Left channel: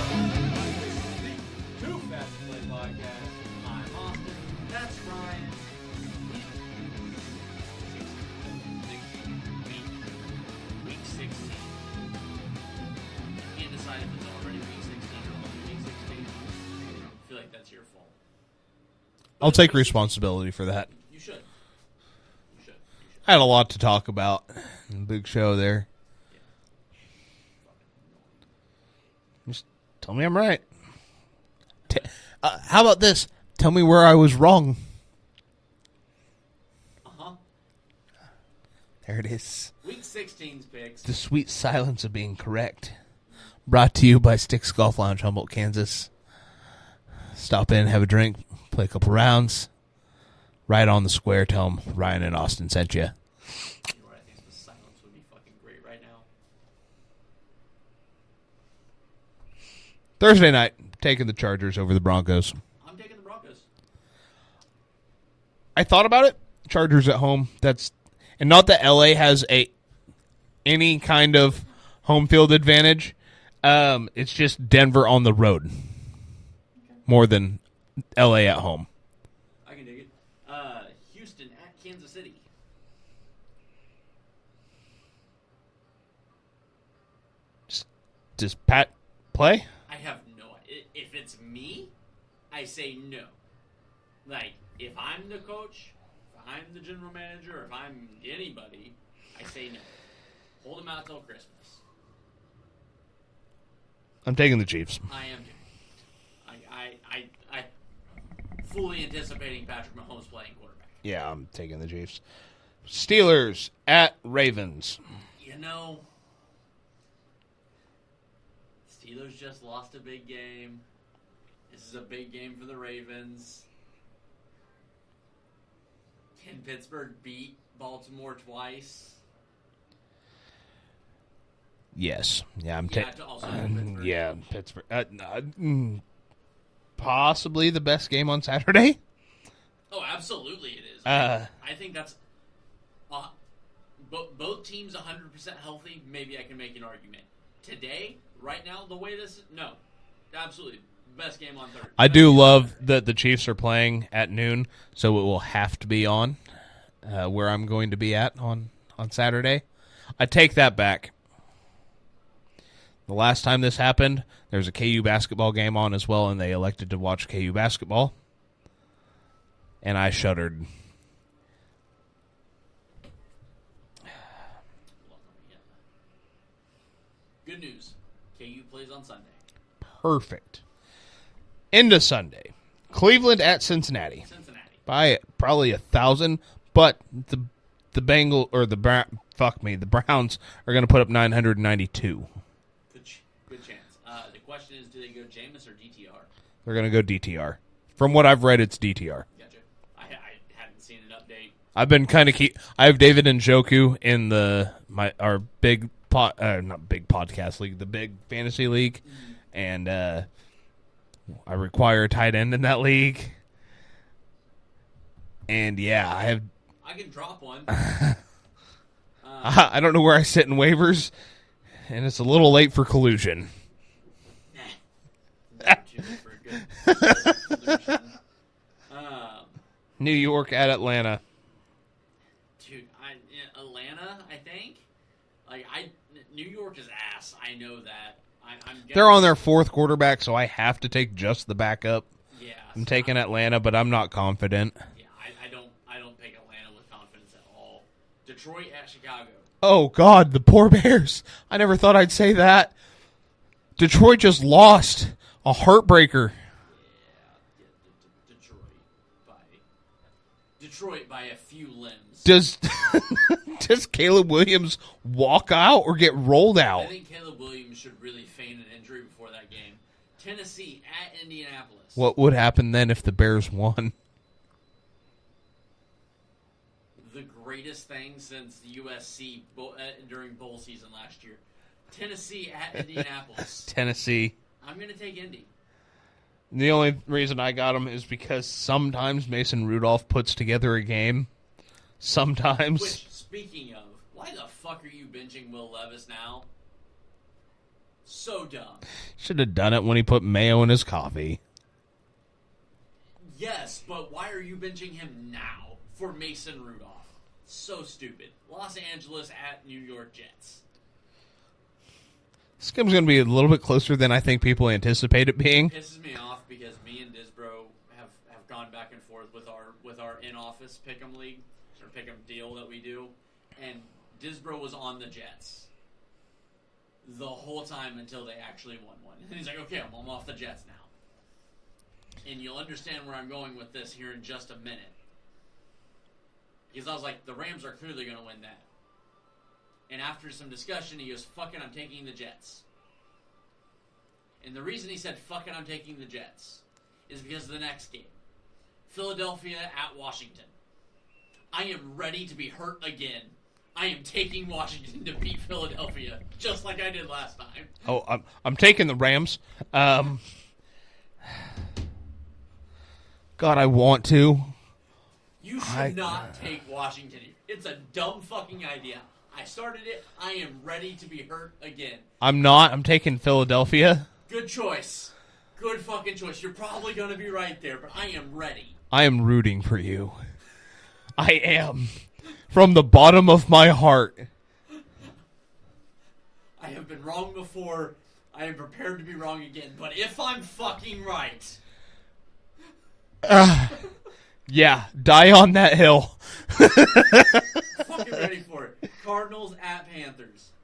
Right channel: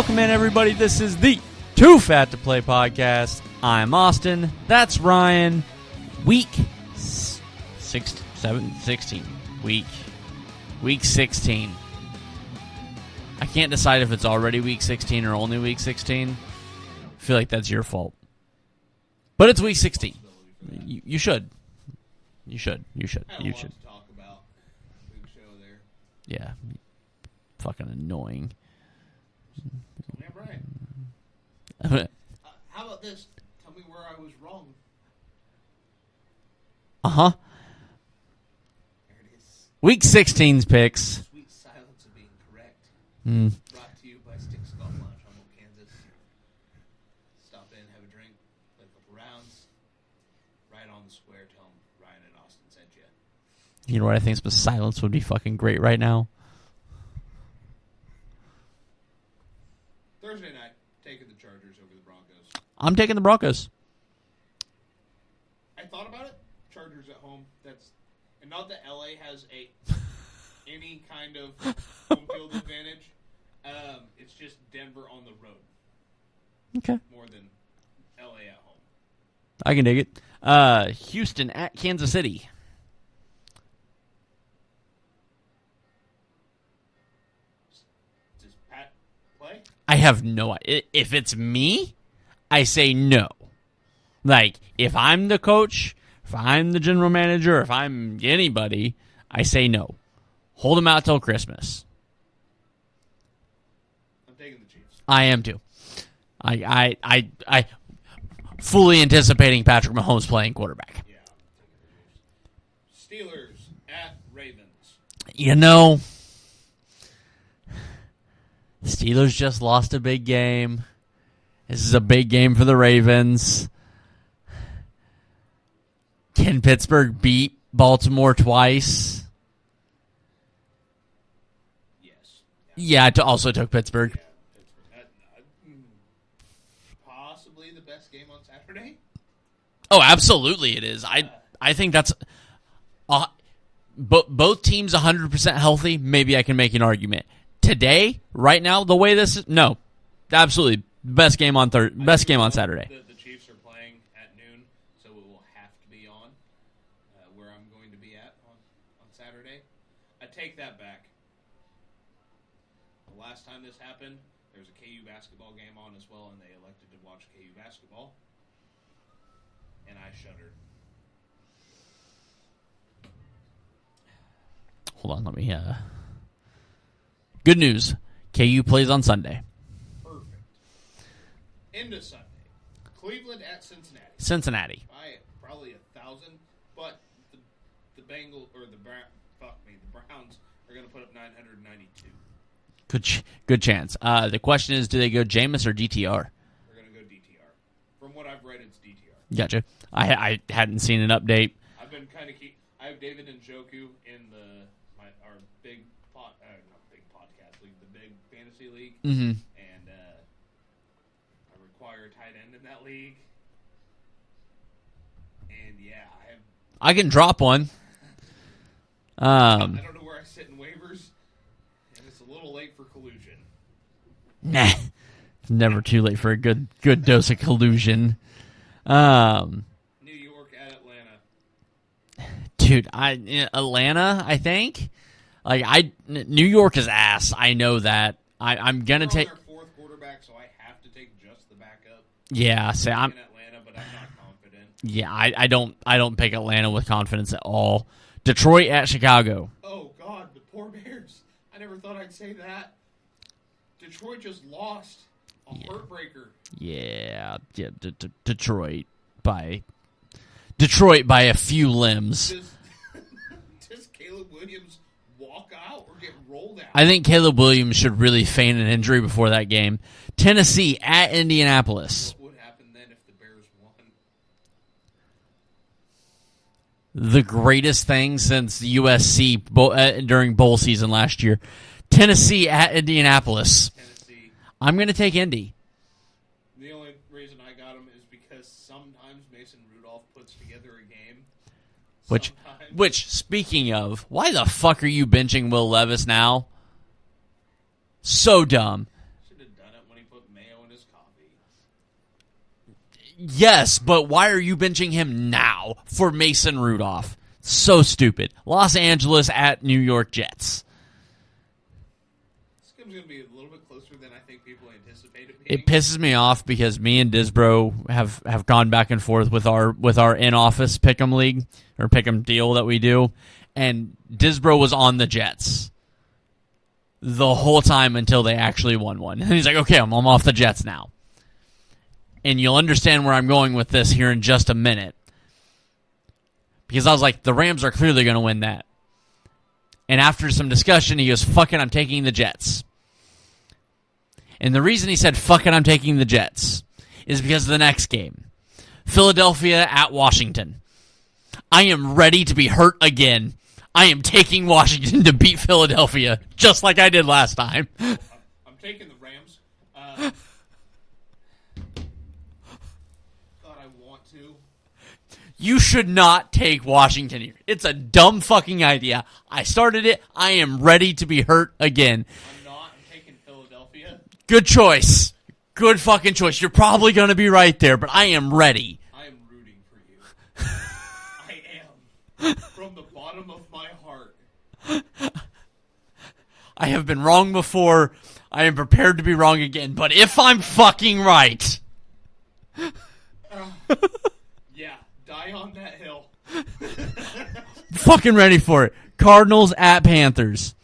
Welcome in, everybody. This is the Too Fat to Play podcast. I'm Austin. That's Ryan. Week 16. Week 16. I can't decide if it's already week 16 or only week 16. I feel like that's your fault. But I'll it's take week 16. responsibility for that. You should. You should. I had a lot to talk about. Big show there. Yeah. Fucking annoying. Just tell me I'm right. How about this? Tell me where I was wrong. Uh-huh. There it is. Week 16's The picks. sweet silence of being correct. Brought to you by Sticks Golf Lounge, Humboldt, Kansas. Stop in, have a drink, play a couple rounds. Right on the square, tell them Ryan and Austin sent you. You know what I think? The silence would be fucking great right now. Thursday night, taking the Chargers over the Broncos. I'm taking the Broncos. I thought about it. Chargers at home. And not that LA has any kind of home field advantage. It's just Denver on the road. Okay. More than LA at home. I can dig it. Houston at Kansas City. Does Pat play? I have no idea. If it's me, I say no. Like, if I'm the coach, if I'm the general manager, if I'm anybody, I say no. Hold him out till Christmas. I'm taking the Chiefs. I am too. I fully anticipating Patrick Mahomes playing quarterback. Yeah, I'm taking the Chiefs. Steelers at Ravens. You know, the Steelers just lost a big game. This is a big game for the Ravens. Can Pittsburgh beat Baltimore twice? Yes. Yeah, I also took Pittsburgh. Yeah, Pittsburgh. Possibly the best game on Saturday. Oh, absolutely it is. I think that's... both teams 100% healthy, maybe I can make an argument. Today, right now, the way this is... No. Absolutely. Best game on Thursday. I do love Saturday. that the Chiefs are playing at noon, so it will have to be on where I'm going to be at on Saturday. I take that back. The last time this happened, there was a KU basketball game on as well, and they elected to watch KU basketball. And I shuddered. Hold on, let me... Good news. KU plays on Sunday. Perfect. Into Sunday. Cleveland at Cincinnati. Cincinnati. By probably 1,000, but the Browns are going to put up 992. Good chance. The question is, do they go Jameis or DTR? They're going to go DTR. From what I've read, it's DTR. Gotcha. I hadn't seen an update. I've been kind of I have David Njoku in our big not big podcast league, the big fantasy league, and I require a tight end in that league. And yeah, I can drop one. I don't know where I sit in waivers, and it's a little late for collusion. Nah, it's never too late for a good dose of collusion. New York at Atlanta. Dude, Atlanta, I think. New York is ass. I know that. I'm gonna. They're on their fourth quarterback, so I have to take just the backup. Yeah, I'm taking Atlanta, but I'm not confident. Yeah, I don't pick Atlanta with confidence at all. Detroit at Chicago. Oh God, the poor Bears! I never thought I'd say that. Detroit just lost a heartbreaker. Yeah, Detroit by a few limbs. Does Caleb Williams walk out or get rolled out? I think Caleb Williams should really feign an injury before that game. Tennessee at Indianapolis. What would happen then if the Bears won? The greatest thing since USC during bowl season last year. Tennessee at Indianapolis. Tennessee. I'm going to take Indy. The only reason I got them is because sometimes Mason Rudolph puts together a game. Sometimes. Which, speaking of, why the fuck are you benching Will Levis now? So dumb. Should have done it when he put mayo in his coffee. Yes, but why are you benching him now for Mason Rudolph? So stupid. Los Angeles at New York Jets. This game's going to be a little bit closer than I think people anticipate it being. It pisses me off because me and Disbro have gone back and forth with our in-office pick'em league or pick'em deal that we do, and Disbro was on the Jets the whole time until they actually won one. And he's like, okay, I'm off the Jets now. And you'll understand where I'm going with this here in just a minute. Because I was like, the Rams are clearly going to win that. And after some discussion, he goes, fuck it, I'm taking the Jets. And the reason he said, fuck it, I'm taking the Jets, is because of the next game. Philadelphia at Washington. I am ready to be hurt again. I am taking Washington to beat Philadelphia, just like I did last time. Oh, I'm taking the Rams. God, I want to. You should not take Washington here. It's a dumb fucking idea. I started it. I am ready to be hurt again. I'm not. I'm taking Philadelphia. Good choice. Good fucking choice. You're probably going to be right there, but I am ready. I am rooting for you. I am. From the bottom of my heart. I have been wrong before. I am prepared to be wrong again. But if I'm fucking right... Yeah, die on that hill. Fucking ready for it. Cardinals at Panthers.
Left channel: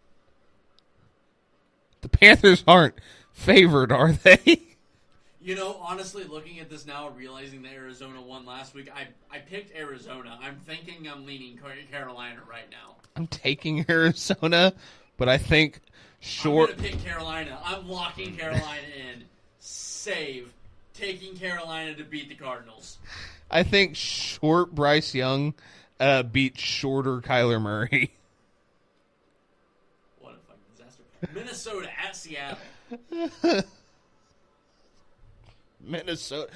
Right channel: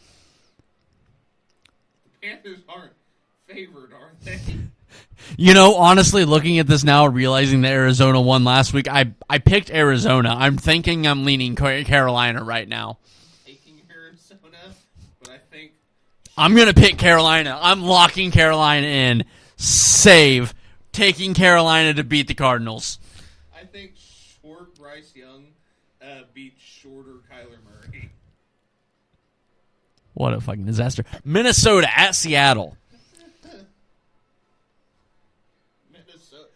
The Panthers aren't favored, are they? You know, honestly, looking at this now, realizing that Arizona won last week, I picked Arizona. I'm thinking I'm leaning Carolina right now. I'm taking Arizona, but I think... I'm going to pick Carolina. I'm locking Carolina in. Save. Taking Carolina to beat the Cardinals. I think short Bryce Young beats shorter Kyler Murray. What a fucking disaster. Minnesota at Seattle. Minnesota.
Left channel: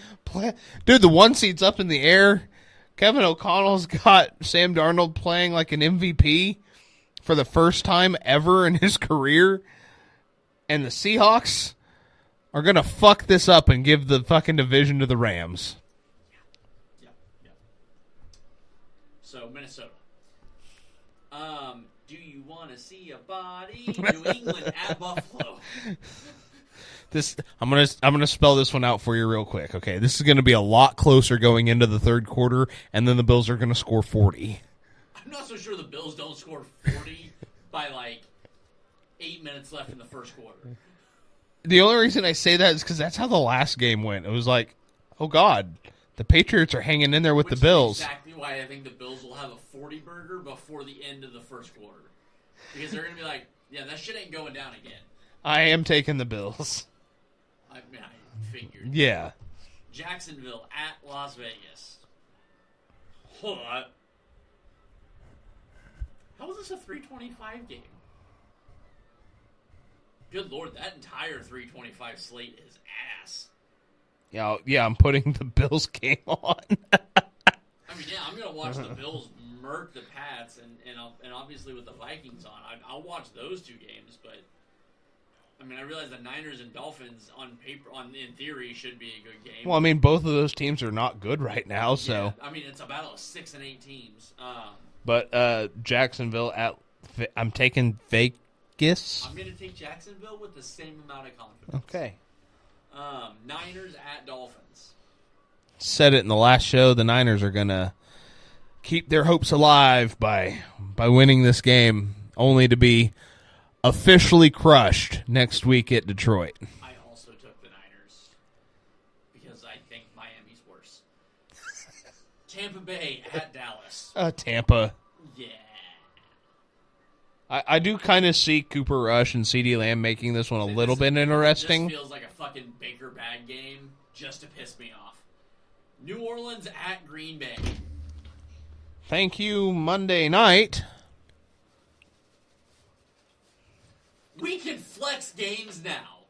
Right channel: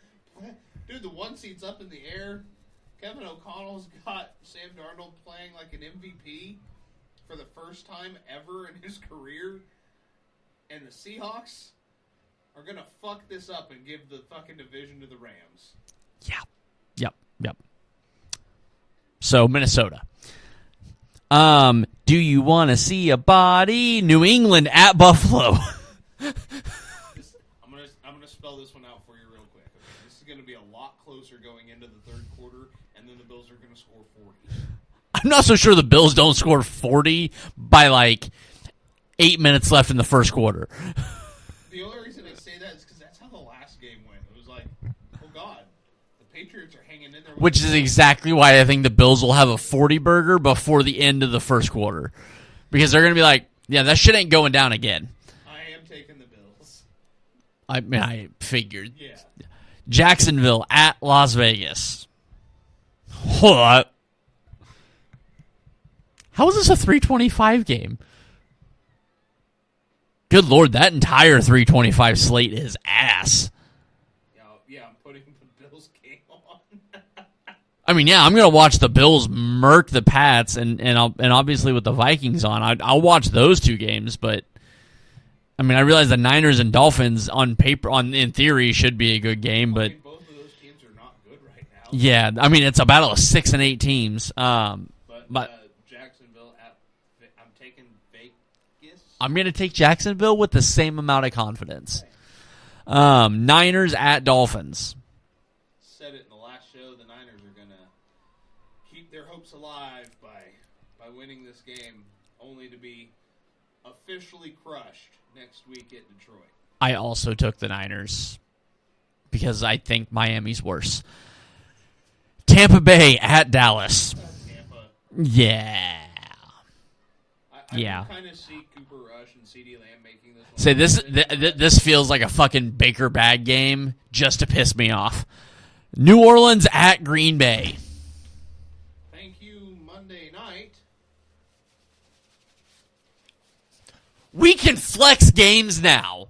Dude, the 1 seed's up in the air. Kevin O'Connell's got Sam Darnold playing like an MVP for the first time ever in his career. And the Seahawks are going to fuck this up and give the fucking division to the Rams. Yep. So, Minnesota. Do you want to see a body? New England at Buffalo. I'm gonna spell this one out for you real quick. Okay, this is gonna be a lot closer going into the third quarter, and then the Bills are gonna score 40. I'm not so sure the Bills don't score 40 by like 8 minutes left in the first quarter. The only reason I say that is because that's how the last game went. It was like, oh God, the Patriots are hanging in there with the Bills. Which is exactly why I think the Bills will have a 40-burger before the end of the first quarter. Because they're going to be like, yeah, that shit ain't going down again. I am taking the Bills. I mean, I figured. Yeah. Jacksonville at Las Vegas. Hold on. How is this a 325 game? Good Lord, that entire 325 slate is ass. Yeah, I'm putting the Bills game on. I mean, yeah, I'm gonna watch the Bills murk the Pats, and obviously with the Vikings on, I'll watch those two games. But I mean, I realize the Niners and Dolphins on paper, in theory, should be a good game. Well, but, I mean, both of those teams are not good right now. So. Yeah, I mean, it's a battle of 6 and 8 teams. But Jacksonville I'm taking Vegas. I'm gonna take Jacksonville with the same amount of confidence. Okay. Niners at Dolphins. Said it in the last show. The Niners are gonna keep their hopes alive by winning this game, only to be officially crushed next week at Detroit. I also took the Niners because I think Miami's worse. Tampa Bay at Dallas. Tampa. Yeah. I do kind of see Cooper Rush and CeeDee Lamb making this one bit interesting. This feels like a fucking Baker bag game just to piss me off. New Orleans at Green Bay. Thank you, Monday night. We can flex games now.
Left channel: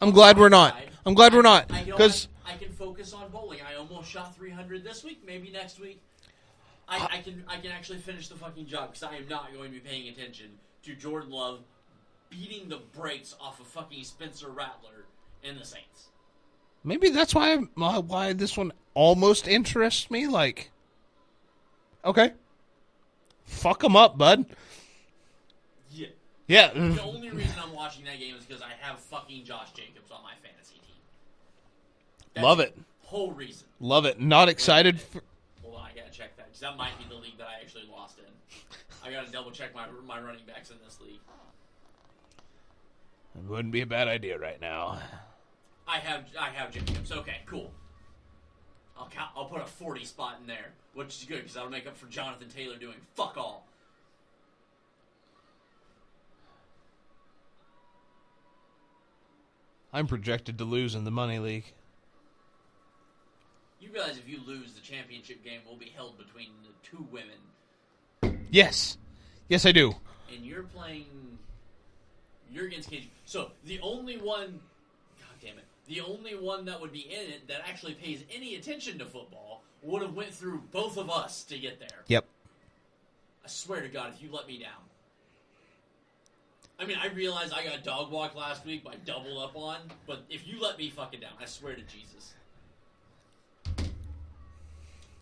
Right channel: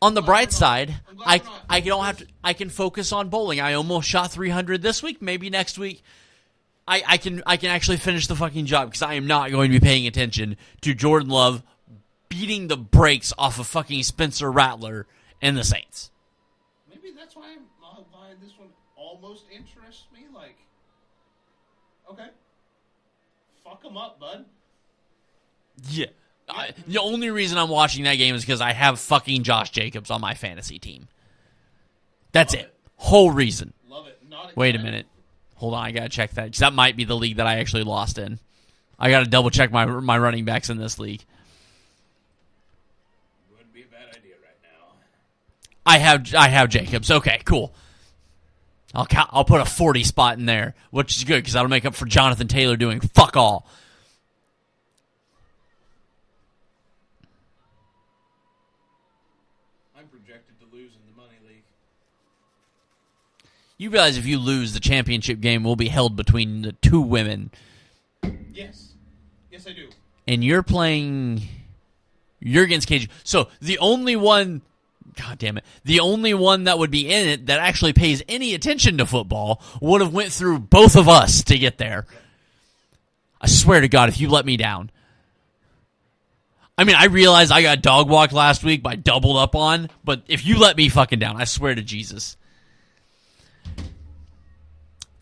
On the glad bright we're not. side, I'm glad we're not. I can focus on bowling. I almost shot 300 this week. Maybe next week I can actually finish the fucking job because I am not going to be paying attention to Jordan Love beating the brakes off of fucking Spencer Rattler and the Saints. Maybe that's why this one almost interests me. Like, okay, fuck them up, bud. Yeah. Yeah. The only reason I'm watching that game is because I have fucking Josh Jacobs on my fantasy team. That's Love it. Whole reason. Love it. Not Wait a excited. minute. Hold on, I gotta check that, because that might be the league that I actually lost in. I gotta double check my running backs in this league. It wouldn't be a bad idea right now. I have Jacobs. Okay, cool. I'll put a 40 spot in there, which is good because that'll make up for Jonathan Taylor doing fuck all. I'm projected to lose in the money league. You realize if you lose, the championship game will be held between the two women. Yes. Yes, I do. And you're playing... You're against KG. So the only one... God damn it. The only one that would be in it that actually pays any attention to football would have went through both of us to get there. Yep. I swear to God, if you let me down. I mean, I realized I got dog walked last week by doubled up on, but if you let me fucking down, I swear to Jesus.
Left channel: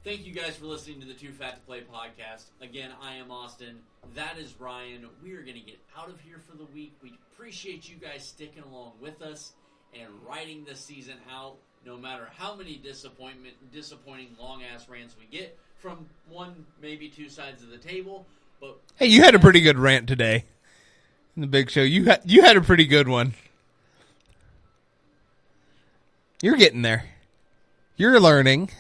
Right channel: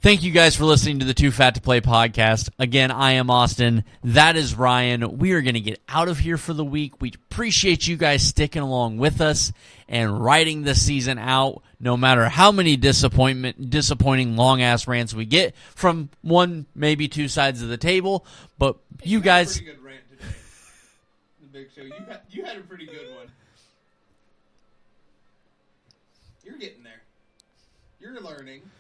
Thank you guys for listening to the Too Fat to Play podcast. Again, I am Austin. That is Ryan. We are going to get out of here for the week. We appreciate you guys sticking along with us and riding the season out, no matter how many disappointing long-ass rants we get from one, maybe two sides of the table. But hey, you had a pretty good rant today in the big show. You had a pretty good one. You're getting there. You're learning.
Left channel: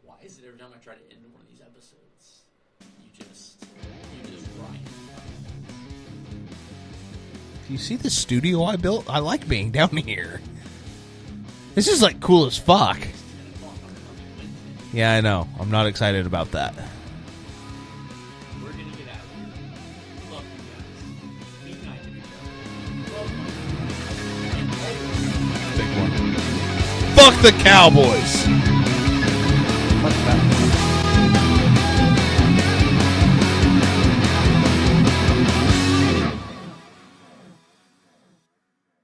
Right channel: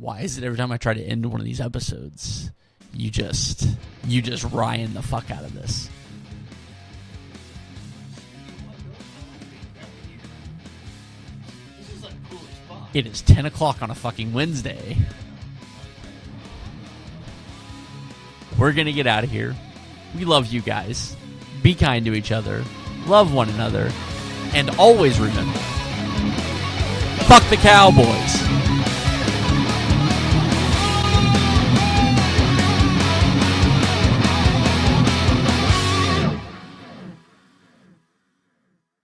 Why is it every time I try to end one of these episodes, you just Ryan the fuck out of this? You see the studio I built? I like being down here. This is like cool as fuck. It is 10 o'clock on a fucking Wednesday. Yeah, I know. I'm not excited about that. We're going to get out of here. We love you guys. Be kind to each other. Love one another. And always remember, Fuck the Cowboys.